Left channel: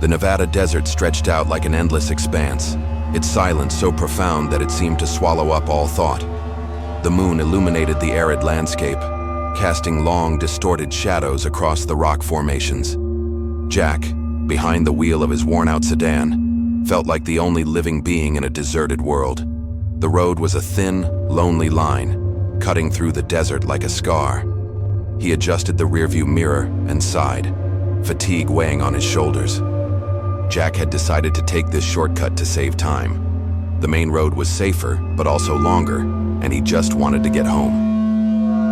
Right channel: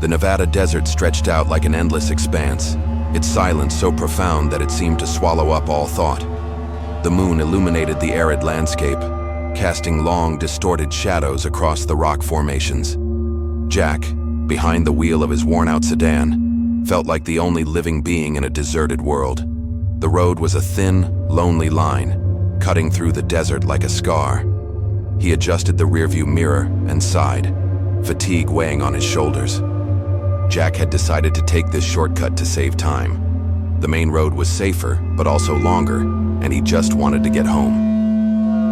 The Nevada desert stretched out like an endless expanse, its silence so profound that it seemed to swallow up all thought. The moon illuminated the arid landscape, casting long, distorted shadows across the rock formations. Jack, behind the wheel of his worn-out sedan, felt like the only living being in a deserted world. The road was a thin, lonely line, cutting through the desert like a scar. He adjusted the rearview mirror and sighed, fatigue weighing on his shoulders. Jack had decided to take this shortcut to save time. The main road was safer, but also longer, and he just wanted to get home.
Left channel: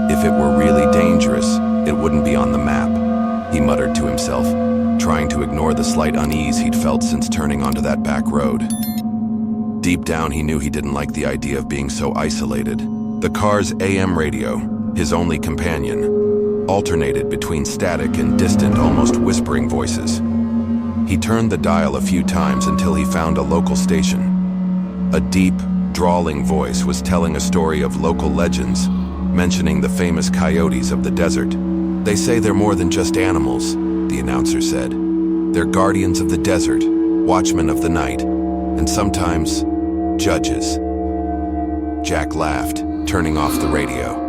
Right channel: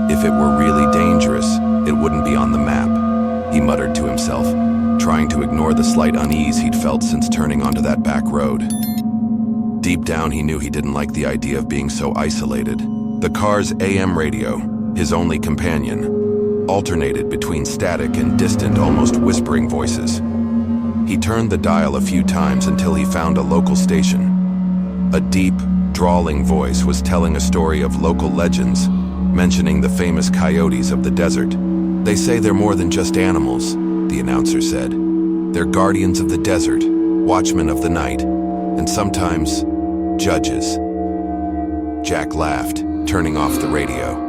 If it were really dangerous, it wouldn't be on the map, he muttered to himself, trying to ignore the slight unease he'd felt since turning onto that back road. Deep down, he knew he didn't like the idea of being so isolated. The car's AM radio, his only companion, alternated between static and distant, almost whispering voices. He turned the dial a few times until he found a local station. A deep, drawling voice was telling a story of local legends, mentioning the famous coyotes of the desert. "They say they're more than just animals," the announcer said. "They're guardians of the desert, watchmen of the night, and sometimes judges." Jack laughed, turning off the radio.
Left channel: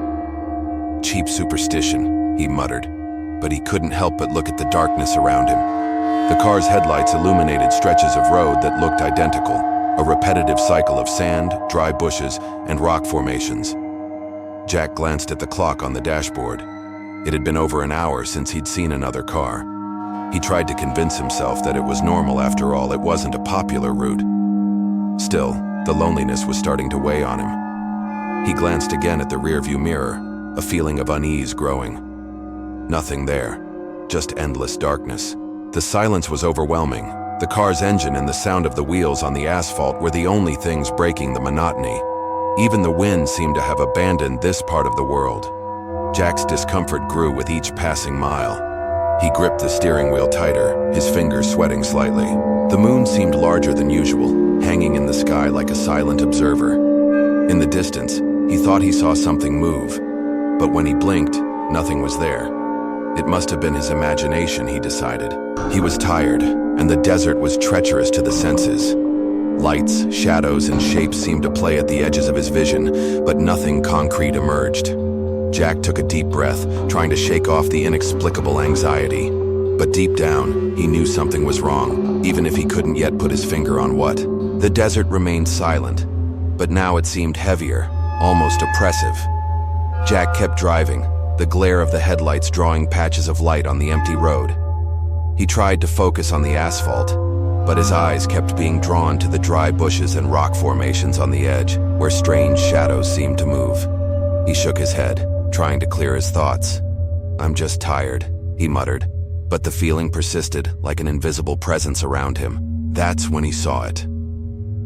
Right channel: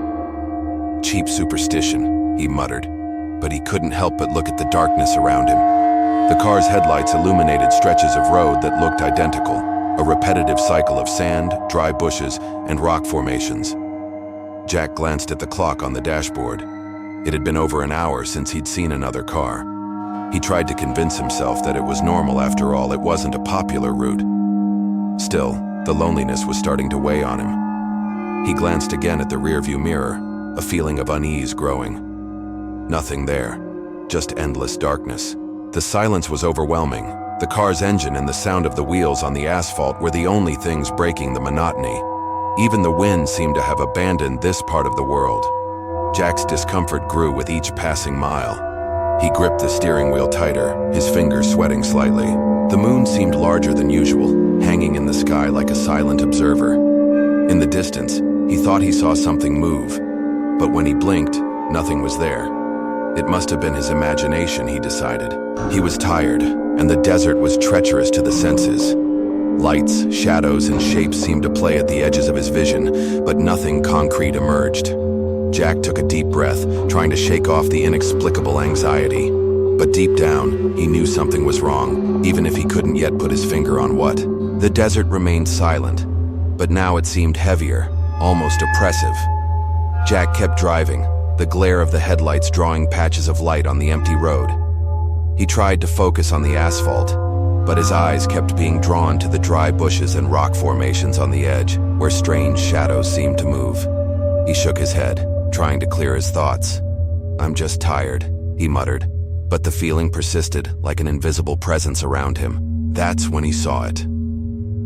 "Cheap superstition," he muttered, but he couldn't help but look at the darkness around him. The car's headlights illuminated stretches of road that looked identical, a repetitive cycle of sand, dry bushes, and rock formations. Jack glanced at the clock on the dashboard. It had been over an hour since he'd seen another car. He tried to convince himself that it was normal after all, it wasn't a popular route. Still, the loneliness was starting to weigh on him. He glanced again at the rearview mirror, a feeling of unease growing. Nothing there, just endless darkness. The silence was overwhelming. The car's engine and the sound of the wheels on the asphalt were the only things breaking the monotony. Even the wind seemed to have abandoned this part of the world. Jack's discomfort grew with each passing mile. He gripped the steering wheel tighter, his fingers sweating slightly. The moon seemed larger than usual, hanging in the sky like a silent observer. In the distance, he thought he saw something move, but when he blinked, nothing was there. It must have been his imagination, he decided. He was tired, and the desert was treacherous to the senses. Lights, shadows, and shapes seemed to play at the edges of his vision, but nothing concrete emerged. Jack took a deep breath, trying to shake off the inexplicable anxiety. But deep down, he knew something was wrong, even if he couldn't yet put his finger on what. The desert remained silent, but now it seemed heavier, almost oppressive. Jack kept driving, the glare of the headlights drawing patches of light on the empty road. He tried to focus on the asphalt, but his eyes kept being drawn to the dry bushes and rock formations on the edge, where strange shadows seemed to move. He shook his head, trying to clear his thoughts. "I'm just tired," he muttered, but the feeling persisted like an invisible presence around him. That's when he saw it.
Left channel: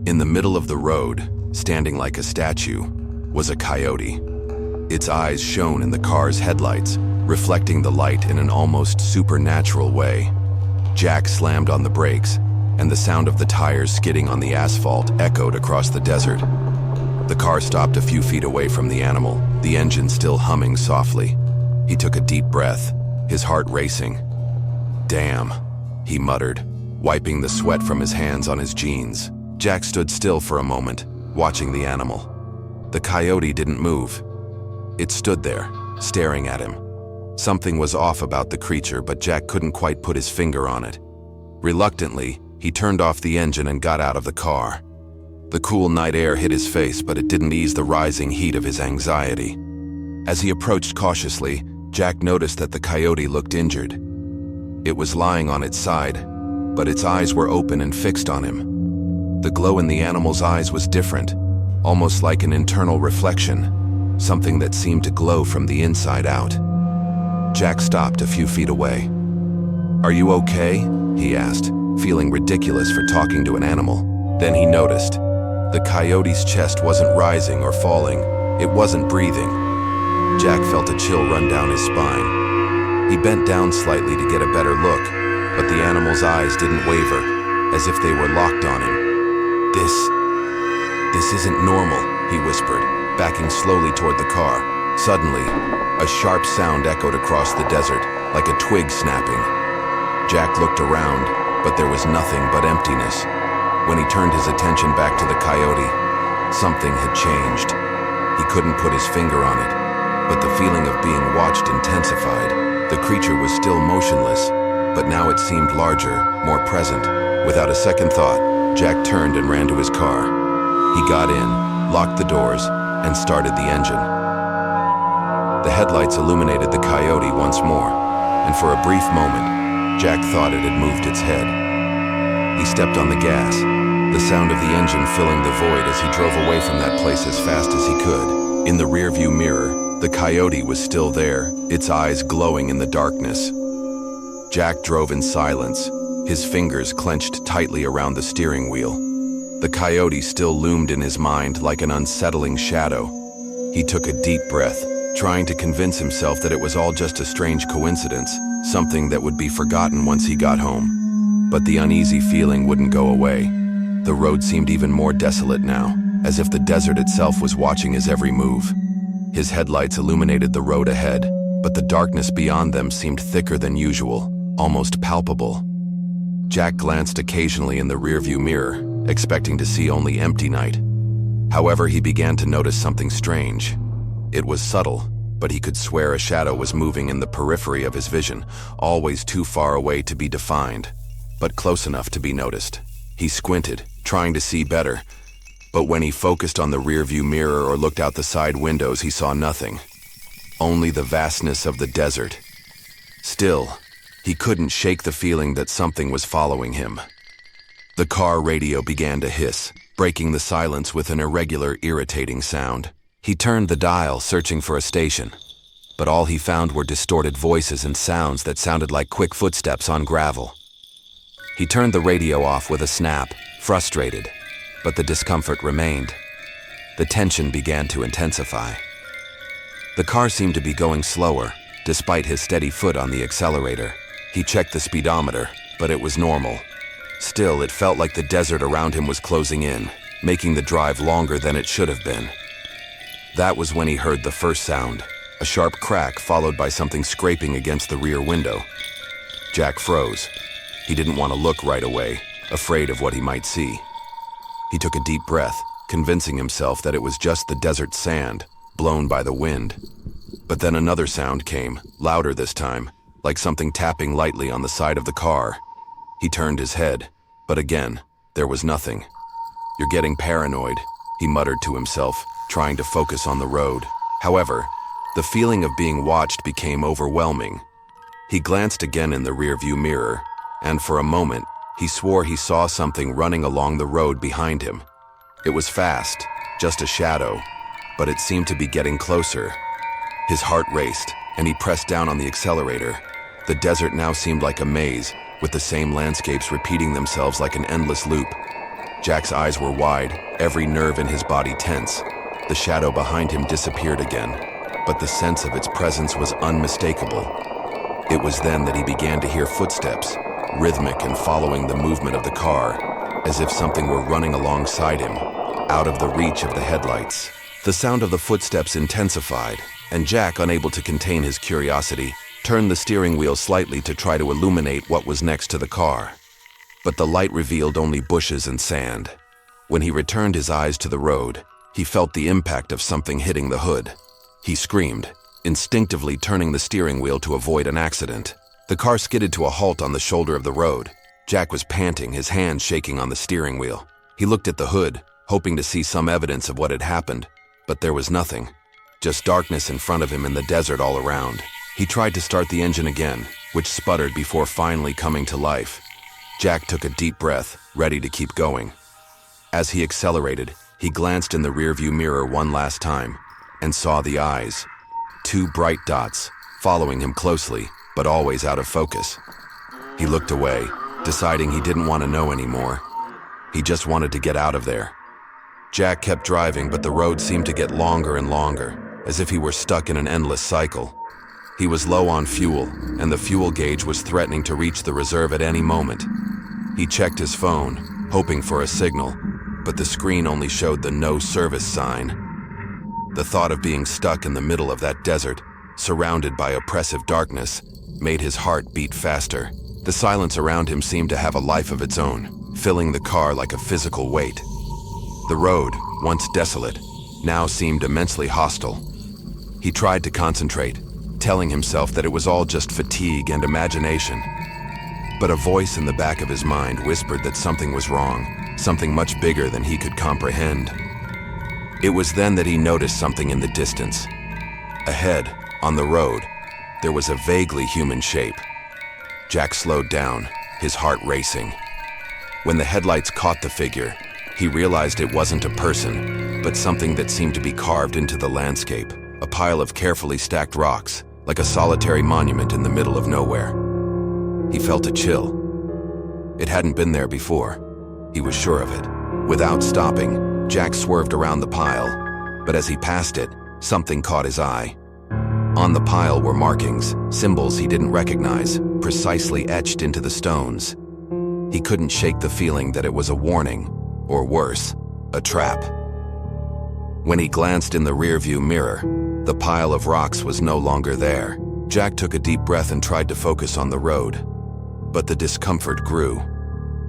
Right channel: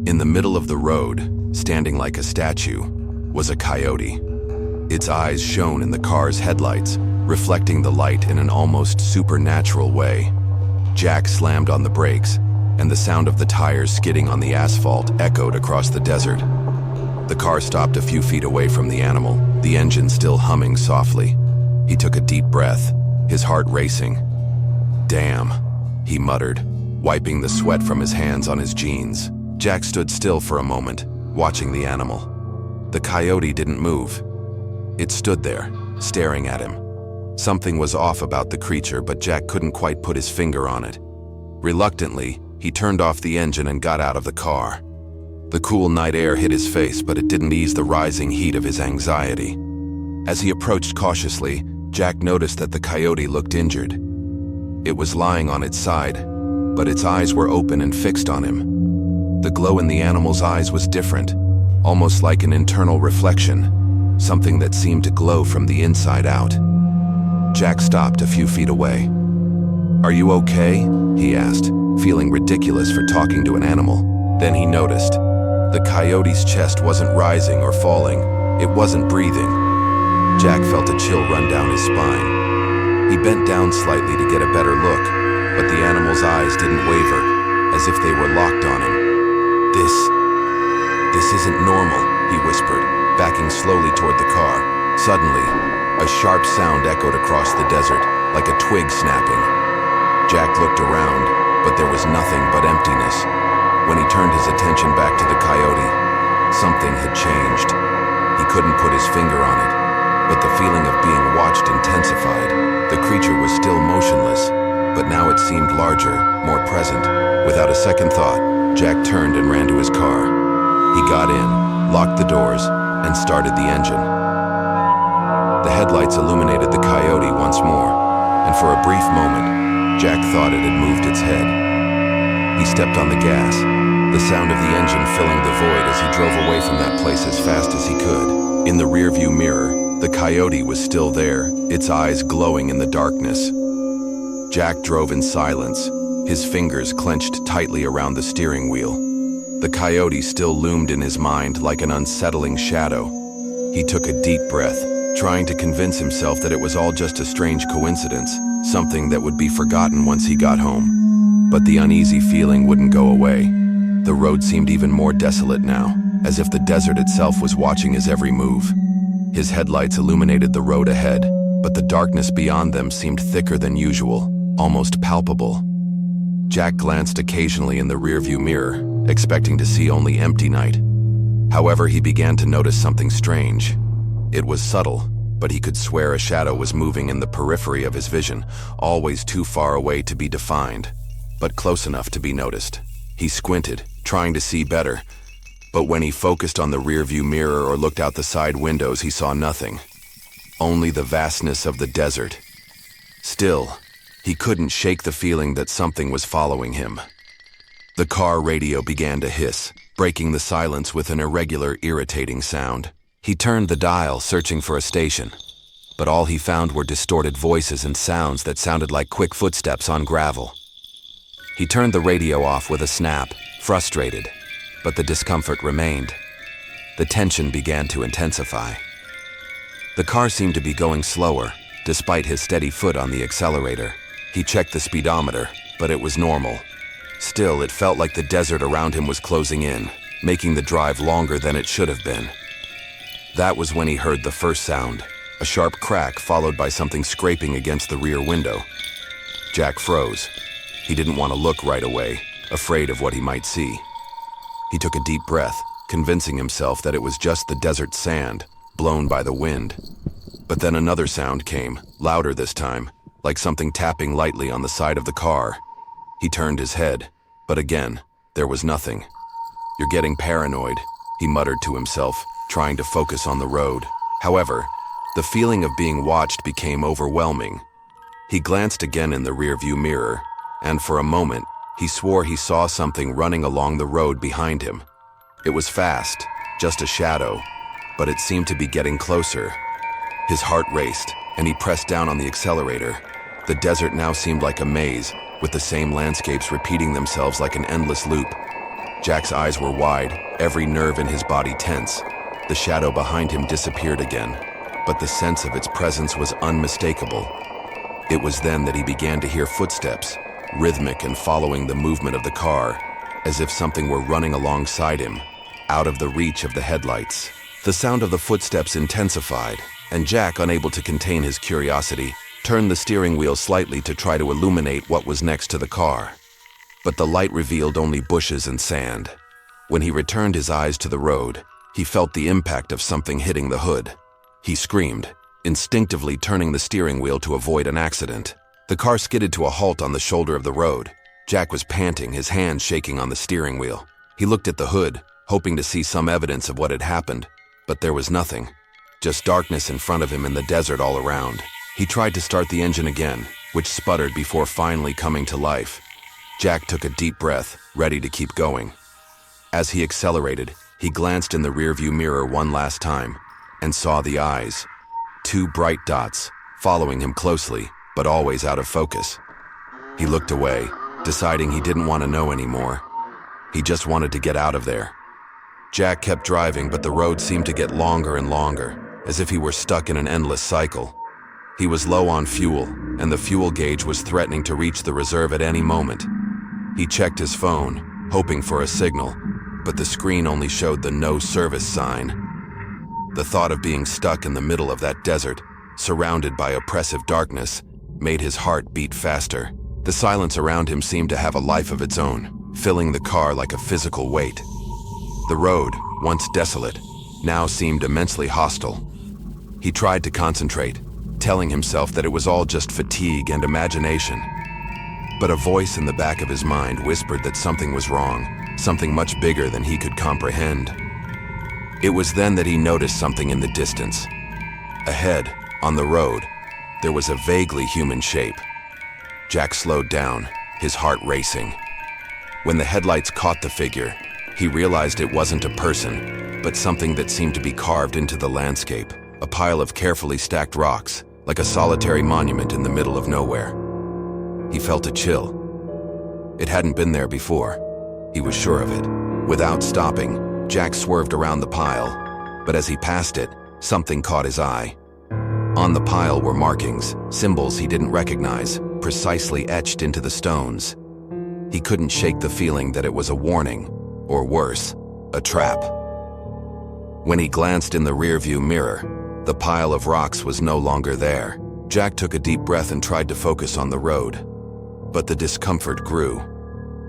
In the middle of the road, standing like a statue, was a coyote. Its eyes shone in the car's headlights, reflecting the light in an almost supernatural way. Jack slammed on the brakes, and the sound of the tires skidding on the asphalt echoed across the desert. The car stopped a few feet away from the animal, the engine still humming softly. He took a deep breath, his heart racing. "Damn," he muttered, wiping the sweat from his hands on his jeans. Jack stood still for a moment, watching the animal. The coyote didn't move. It stood there, staring at him. Something was off about the creature, but Jack couldn't quite put his finger on it. Reluctantly, he turned off the engine and got out of the car. The cool night air hit his face, but it didn't ease the rising heat of his anxiety. As he approached cautiously, Jack noticed that the coyote looked injured. It was lying on its side, but its eyes were open and fixed on him. The glow in the animal's eyes was different, almost like an internal reflection, something that seemed to glow from the inside out. Jack stopped a few feet away. "Are you okay?" he asked, feeling ridiculous for talking to an animal. Then he noticed. The coyote's chest wasn't rising or falling. It wasn't breathing. Jack felt a chill run down his spine. He bent down slightly to get a better look, but the animal's eyes didn't waver, as if they were locked on him. This isn't normal," he whispered, backing slowly toward the car. Suddenly, a sharp sound echoed across the desert, like a twig snapping. Jack looked around, but there was nothing but emptiness. When he turned his attention back to the Coyote, something had changed. He couldn't put his finger on it, but the feeling of being watched intensified. The creature was still motionless, but now it seemed larger, more present. Without a second thought, Jack turned and ran to his car. He got in, locked the doors, and started the engine. The headlights illuminated the Coyote once more, and for a brief moment, Jack thought it had moved its head. He stepped on the gas, the sound of the engine filling the void as he drove away from that place as fast as he could. In the rearview mirror, the Coyote was still there, its eyes glowing in the darkness. Jack drove in silence, his fingers clenched tightly around the steering wheel. The Coyote still loomed in his mind like an unsettling shadow. He took a deep breath, trying to convince himself that it was all just a strange coincidence, something that would be forgotten once he got home. But the uneasy feeling wouldn't go away. The road seemed even more desolate now, as if the desert itself was watching his every move. His headlights illuminated the road ahead, but the darkness beyond them seemed thicker than usual, almost palpable. Jack glanced occasionally in the rearview mirror, expecting to see only empty night. However, he began to notice something strange. It was subtle, but he could swear a shadow was moving in the periphery of his vision, always too far away to be defined, but close enough to be noticed. He squinted, trying to see better, but when he focused on the rearview mirror or looked out the side windows, he saw nothing. Only the vastness of the desert. Still, he couldn't shake the feeling that something was following him. The car radio began to hiss, breaking the silence with an irregular, irritating sound. He turned the dial, searching for a station, but all he found were distorted voices and sounds that sounded like quick footsteps on gravel. He turned the radio off with a snap, frustrated, but the discomfort remained. The tension began to intensify. The car seemed to be going slower, despite his steady foot on the accelerator. He checked the speedometer, but it was normal. Still, it felt like the desert around him was closing in, making the drive longer than it should have been. That was when he heard the first sound, a sharp crack followed by something scraping against the rear window. Jack froze. He didn't want to look right away, afraid of what he might see. He took a deep breath, convincing himself that it was just the desert sand, blown by the wind. But then another sound came, louder this time, like something tapping lightly on the side of the car. He turned his head, but again, there was nothing. "You're getting paranoid," he muttered to himself, trying to focus on the road. However, the feeling of being watched became overwhelming. He glanced again in the rearview mirror, and for a moment, he swore he saw something running along the road behind him. It was fast, just a shadow, but it seemed to be getting closer. His heart raced, and he pressed down on the accelerator. The desert now seemed like a maze, with the same landscapes repeating themselves like an endless loop. Jack's eyes were wide, every nerve in his body tense. The shadow behind him disappeared again, but the sense of its presence was unmistakable. It was then that he began to hear footsteps, rhythmic and following the movement of the car, as if something were running alongside him, out of the reach of the headlights. The sound of the footsteps intensified, and Jack, unable to contain his curiosity, turned the steering wheel slightly to try to illuminate what was next to the car. But the light revealed only bushes and sand. When he returned his eyes to the road, he felt the impact of something hitting the hood. He screamed, instinctively turning the steering wheel to avoid an accident. The car skidded to a halt on the shoulder of the road. Jack was panting, his hands shaking on the steering wheel. He looked at the hood, hoping to see some evidence of what had happened, but there was nothing. Just darkness in front of him and the desert all around. He tried to start the engine again, which sputtered before finally coming to life. Jack took a deep breath, ready to keep going. As he accelerated, he glanced in the rearview mirror one last time, and saw the eyes. Two bright dots, following him closely, but always out of focus. He looked away, deciding he didn't want to know anymore. He just wanted to get out of there. Jack kept driving, but the road seemed to get longer and longer, as if he were stuck in an endless cycle. He was low on fuel, and the fuel gauge was threatening to reach the reserve at any moment. He checked his phone, hoping for a signal, but the screen only showed the no service sign. The thought of being stuck in the middle of that desert, surrounded by oppressive darkness, made his heart beat faster. The silence around him seemed to have a life of its own, filling the car like a physical weight. The road, once desolate, now seemed immensely hostile. He tried to concentrate, telling himself that it was all just fatigue and imagination. But a voice in the back of his mind whispered that something was wrong, something much bigger than he could comprehend. It was then that he noticed something in the distance. Ahead, on the road, there was a vaguely human shape. Jack slowed down, his heart racing. When the headlights caught the figure, he realized it wasn't a person, but something that seemed to be carved into the landscape, a pile of carefully stacked rocks, like a solitary monument in the middle of nowhere. He felt a chill. It hadn't been there before. He was sure of it. Without stopping, Jack swerved around the pile, but as he passed it, something caught his eye. On the pile were markings, symbols he didn't recognize, precisely etched into the stones. He couldn't shake the feeling that it was a warning, or worse, a trap. When he glanced in the rearview mirror, the pile of rocks was no longer there. Jack took a deep breath and tried to focus on the road. But the discomfort grew.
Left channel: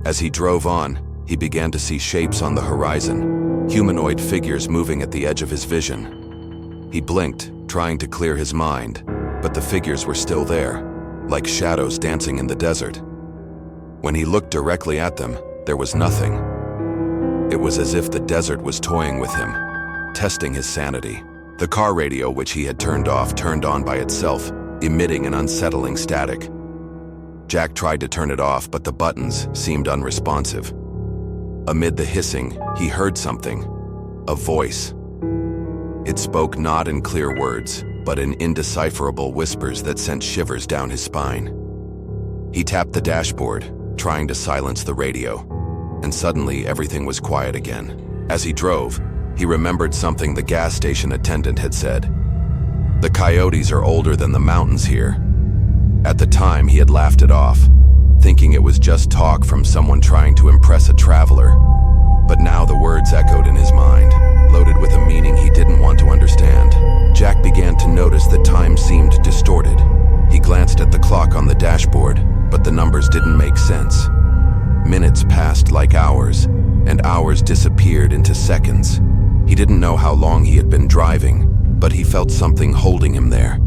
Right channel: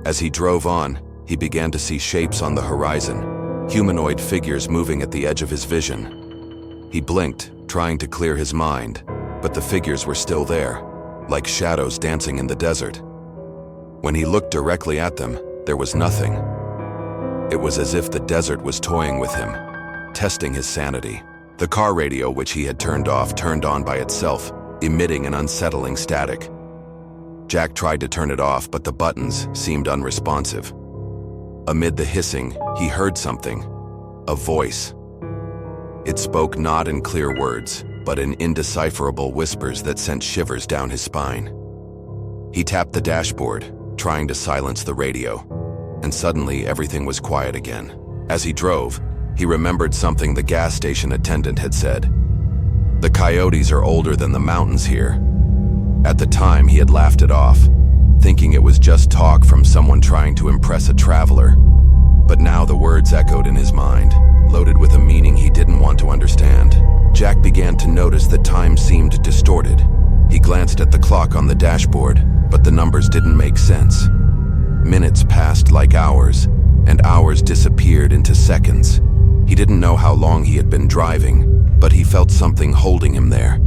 As he drove on, he began to see shapes on the horizon, humanoid figures moving at the edge of his vision. He blinked, trying to clear his mind, but the figures were still there, like shadows dancing in the desert. When he looked directly at them, there was nothing. It was as if the desert was toying with him, testing his sanity. The car radio, which he had turned off, turned on by itself, emitting an unsettling static. Jack tried to turn it off, but the buttons seemed unresponsive. Amid the hissing, he heard something, a voice. It spoke not in clear words, but in indecipherable whispers that sent shivers down his spine. He tapped the dashboard, trying to silence the radio, and suddenly everything was quiet again. As he drove, he remembered something the gas station attendant had said. The coyotes are older than the mountains here. At the time, he had laughed it off, thinking it was just talk from someone trying to impress a traveler. But now the words echoed in his mind, loaded with a meaning he didn't want to understand. Jack began to notice that time seemed distorted. He glanced at the clock on the dashboard, but the numbers didn't make sense. Minutes passed like hours, and hours disappeared into seconds. He didn't know how long he had been driving, but he felt something holding him there.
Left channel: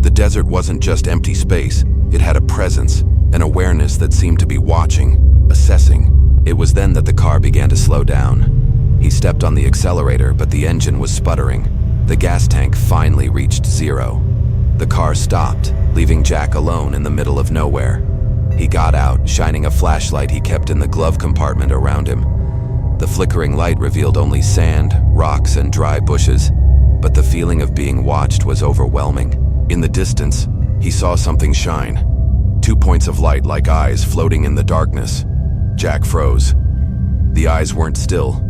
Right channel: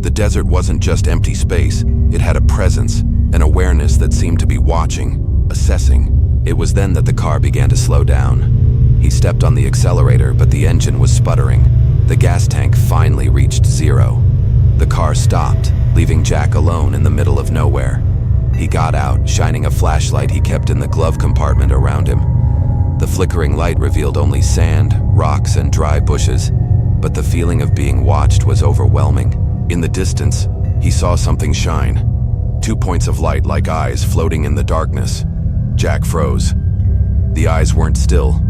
The desert wasn't just empty space, it had a presence, an awareness that seemed to be watching, assessing. It was then that the car began to slow down. He stepped on the accelerator, but the engine was sputtering. The gas tank finally reached zero. The car stopped, leaving Jack alone in the middle of nowhere. He got out, shining a flashlight he kept in the glove compartment around him. The flickering light revealed only sand, rocks, and dry bushes, but the feeling of being watched was overwhelming. In the distance, he saw something shine. 2 points of light like eyes floating in the darkness. Jack froze. The eyes weren't still.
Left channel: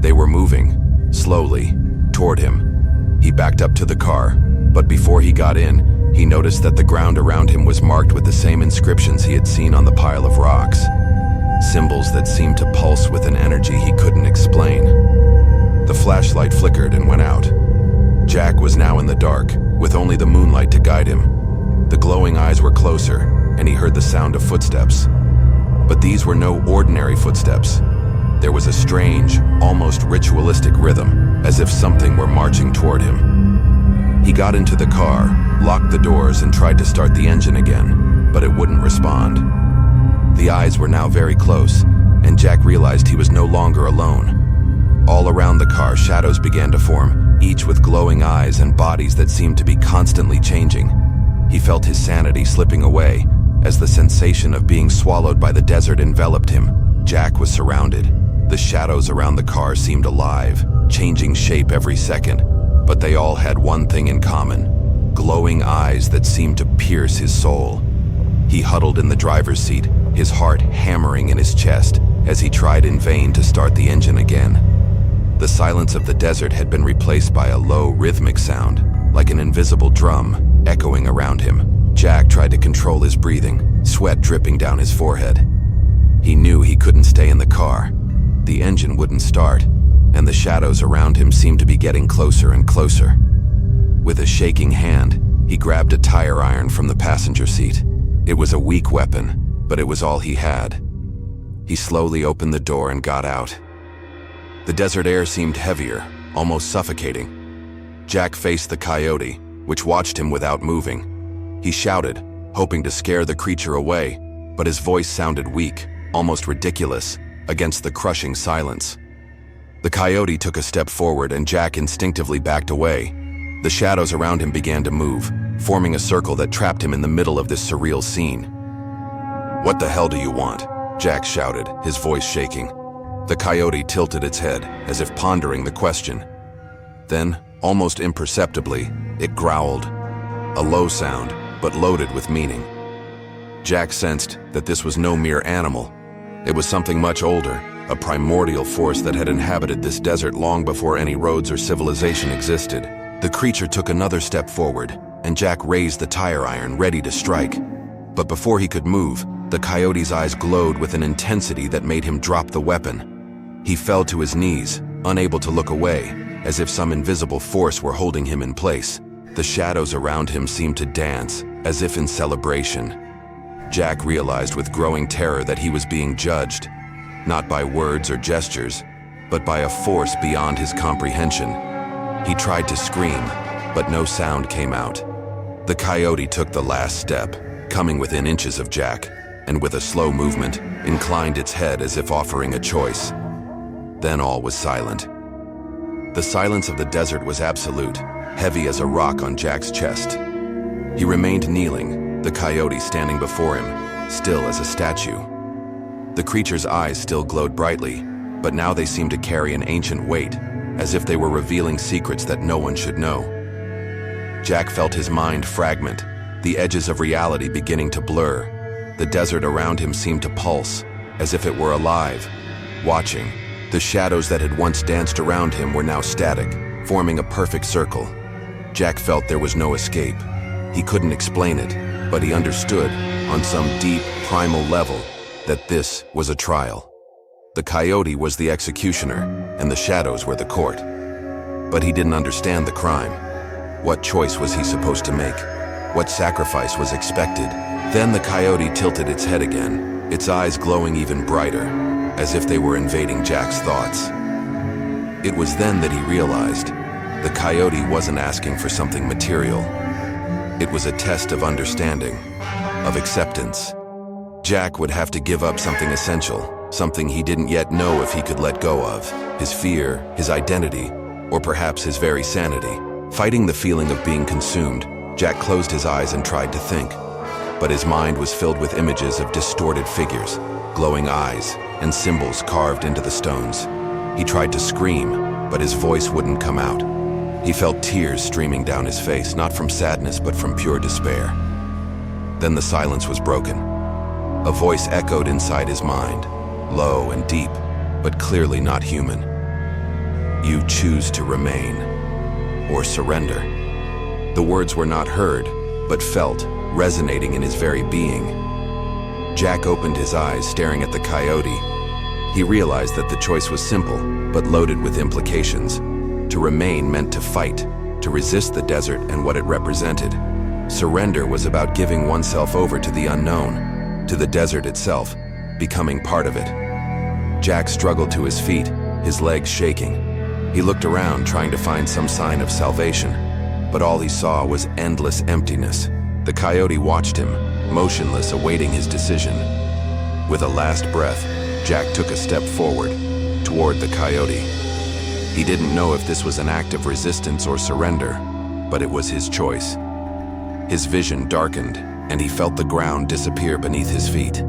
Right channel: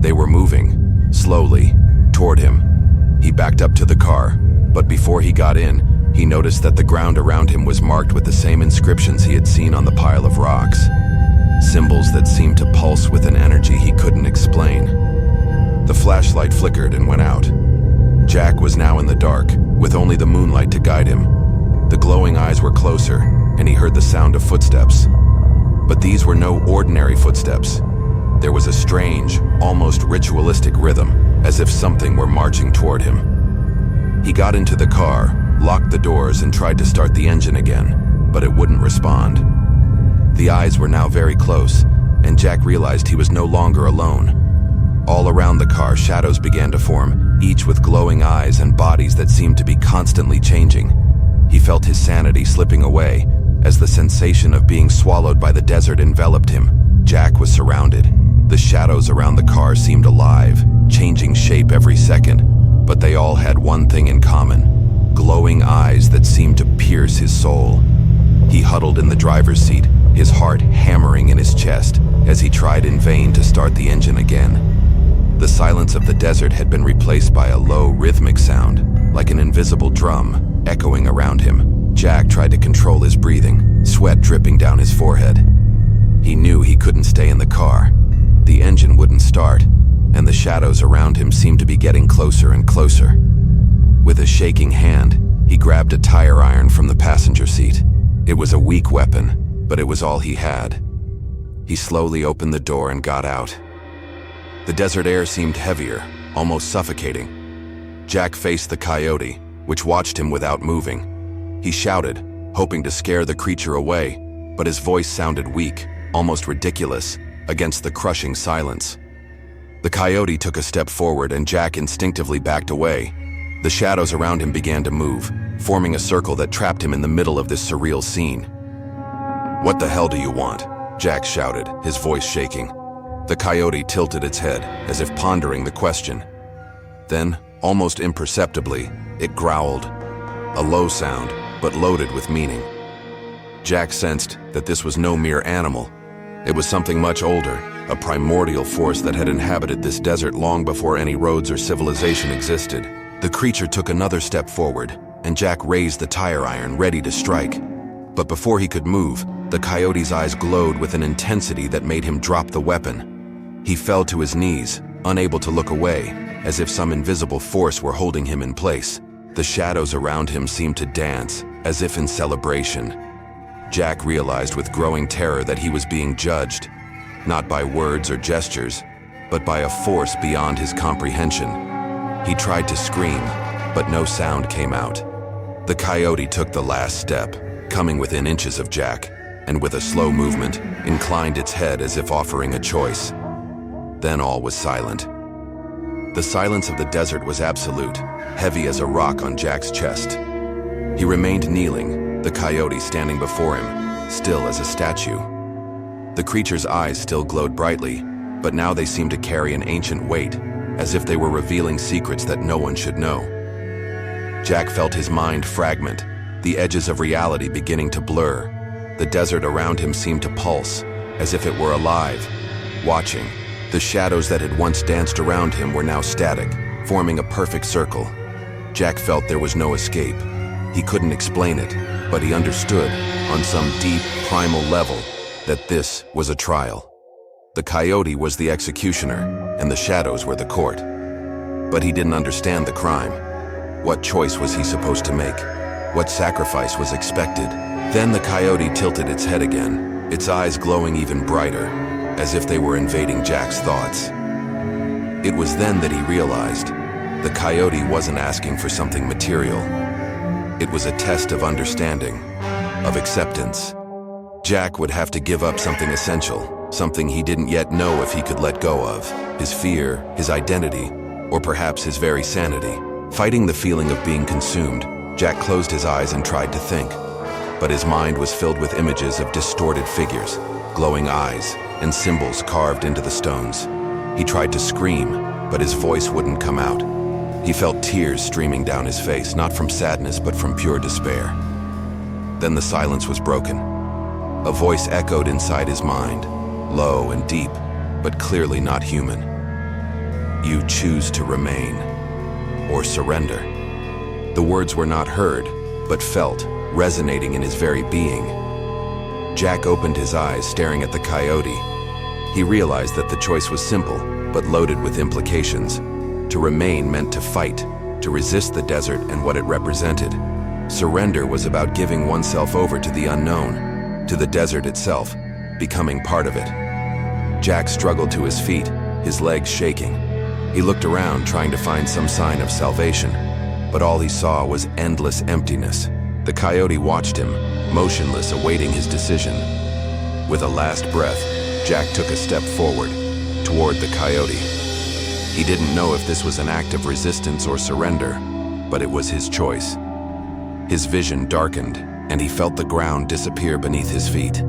They were moving, slowly, toward him. He backed up to the car, but before he got in, he noticed that the ground around him was marked with the same inscriptions he had seen on the pile of rocks. Symbols that seemed to pulse with an energy he couldn't explain. The flashlight flickered and went out. Jack was now in the dark, with only the moonlight to guide him. The glowing eyes were closer, and he heard the sound of footsteps. But these were no ordinary footsteps. There was a strange, almost ritualistic rhythm, as if something were marching toward him. He got into the car, locked the doors, and tried to start the engine again, but it wouldn't respond. The eyes were now very close, and Jack realized he was no longer alone. All around the car, shadows began to form, each with glowing eyes and bodies that seemed to be constantly changing. He felt his sanity slipping away, as the sensation of being swallowed by the desert enveloped him. Jack was surrounded. The shadows around the car seemed alive, changing shape every second, but they all had one thing in common: glowing eyes that seemed to pierce his soul. He huddled in the driver's seat, his heart hammering in his chest as he tried in vain to start the engine again. The silence of the desert had been replaced by a low, rhythmic sound, like an invisible drum, echoing around him. Jack tried to control his breathing, sweat dripping down his forehead. He knew he couldn't stay in the car. The engine wouldn't start, and the shadows around him seemed to be getting closer and closer. With a shaking hand, he grabbed a tire iron from the passenger seat. It was a weak weapon, but it was all he had. He slowly opened the door and got out. The desert air seemed heavier, almost suffocating. Jack faced the coyote, which watched him without moving. He shouted, hoping to scare the creature away, but his voice sounded weak, almost ridiculous, against the crushing silence. The coyote took a step forward and Jack instinctively backed away. The shadows around him began to move, forming a circle that trapped him in the middle of this surreal scene. "What the hell do you want?" Jack shouted, his voice shaking. The coyote tilted its head, as if pondering the question. Then, almost imperceptibly, it growled. A low sound, but loaded with meaning. Jack sensed that this was no mere animal. It was something much older, a primordial force that had inhabited this desert long before any roads or civilization existed. The creature took another step forward, and Jack raised the tire iron, ready to strike. But before he could move, the coyote's eyes glowed with an intensity that made him drop the weapon. He fell to his knees, unable to look away, as if some invisible force were holding him in place. The shadows around him seemed to dance, as if in celebration. Jack realized with growing terror that he was being judged, not by words or gestures, but by a force beyond his comprehension. He tried to scream, but no sound came out. The coyote took the last step, coming within inches of Jack, and with a slow movement, inclined its head as if offering a choice. Then all was silent. The silence of the desert was absolute, heavy as a rock on Jack's chest. He remained kneeling, the coyote standing before him, still as a statue. The creature's eyes still glowed brightly, but now they seemed to carry an ancient weight, as if they were revealing secrets that no one should know. Jack felt his mind fragment, the edges of reality beginning to blur. The desert around him seemed to pulse, as if it were alive, watching. The shadows that had once danced around him were now static, forming a perfect circle. Jack felt there was no escape. He couldn't explain it, but he understood, on some deep, primal level, that this was a trial. The coyote was the executioner, and the shadows were the court. But he didn't understand the crime. What choice was he supposed to make? What sacrifice was expected? Then the coyote tilted its head again, its eyes glowing even brighter, as if they were invading Jack's thoughts. It was then that he realized the coyote wasn't asking for something material. It was a test of understanding, of acceptance. Jack would have to give up something essential, something he didn't yet know if he could let go of, his fear, his identity, or perhaps his very sanity. Fighting the feeling of being consumed, Jack closed his eyes and tried to think. But his mind was filled with images of distorted figures, glowing eyes, and symbols carved into the stones. He tried to scream, but his voice wouldn't come out. He felt tears streaming down his face, not from sadness but from pure despair. Then the silence was broken. A voice echoed inside his mind, low and deep, but clearly not human. "You choose to remain, or surrender." The words were not heard, but felt, resonating in his very being. Jack opened his eyes, staring at the coyote. He realized that the choice was simple, but loaded with implications. To remain meant to fight, to resist the desert and what it represented. Surrender was about giving oneself over to the unknown, to the desert itself, becoming part of it. Jack struggled to his feet, his legs shaking. He looked around, trying to find some sign of salvation, but all he saw was endless emptiness. The coyote watched him, motionless, awaiting his decision. With a last breath, Jack took a step forward, toward the coyote. He didn't know if this was an act of resistance or surrender, but it was his choice. His vision darkened, and he felt the ground disappear beneath his feet.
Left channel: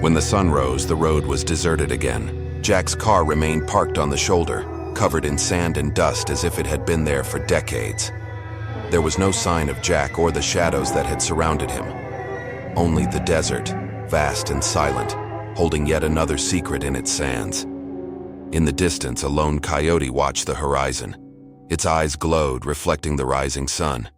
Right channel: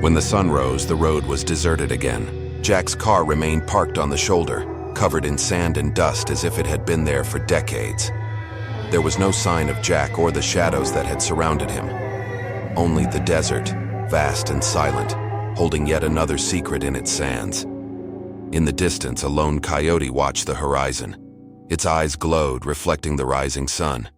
When the sun rose, the road was deserted again. Jack's car remained parked on the shoulder, covered in sand and dust as if it had been there for decades. There was no sign of Jack or the shadows that had surrounded him. Only the desert, vast and silent, holding yet another secret in its sands. In the distance, a lone coyote watched the horizon. Its eyes glowed, reflecting the rising sun.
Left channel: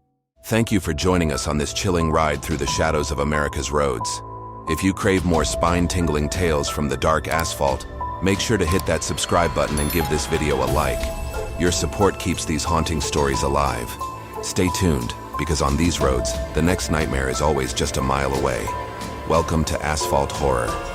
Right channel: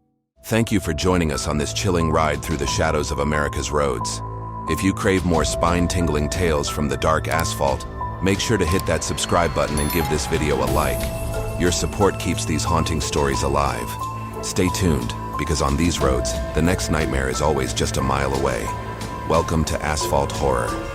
Thank you for joining us on this chilling ride through the shadows of America's roads. If you crave more spine-tingling tales from the dark asphalt, make sure to hit that subscribe button and give this video a like. Your support keeps these haunting stories alive. Stay tuned, because on these roads, the next nightmare is always just a mile away. Welcome to Asphalt Horror.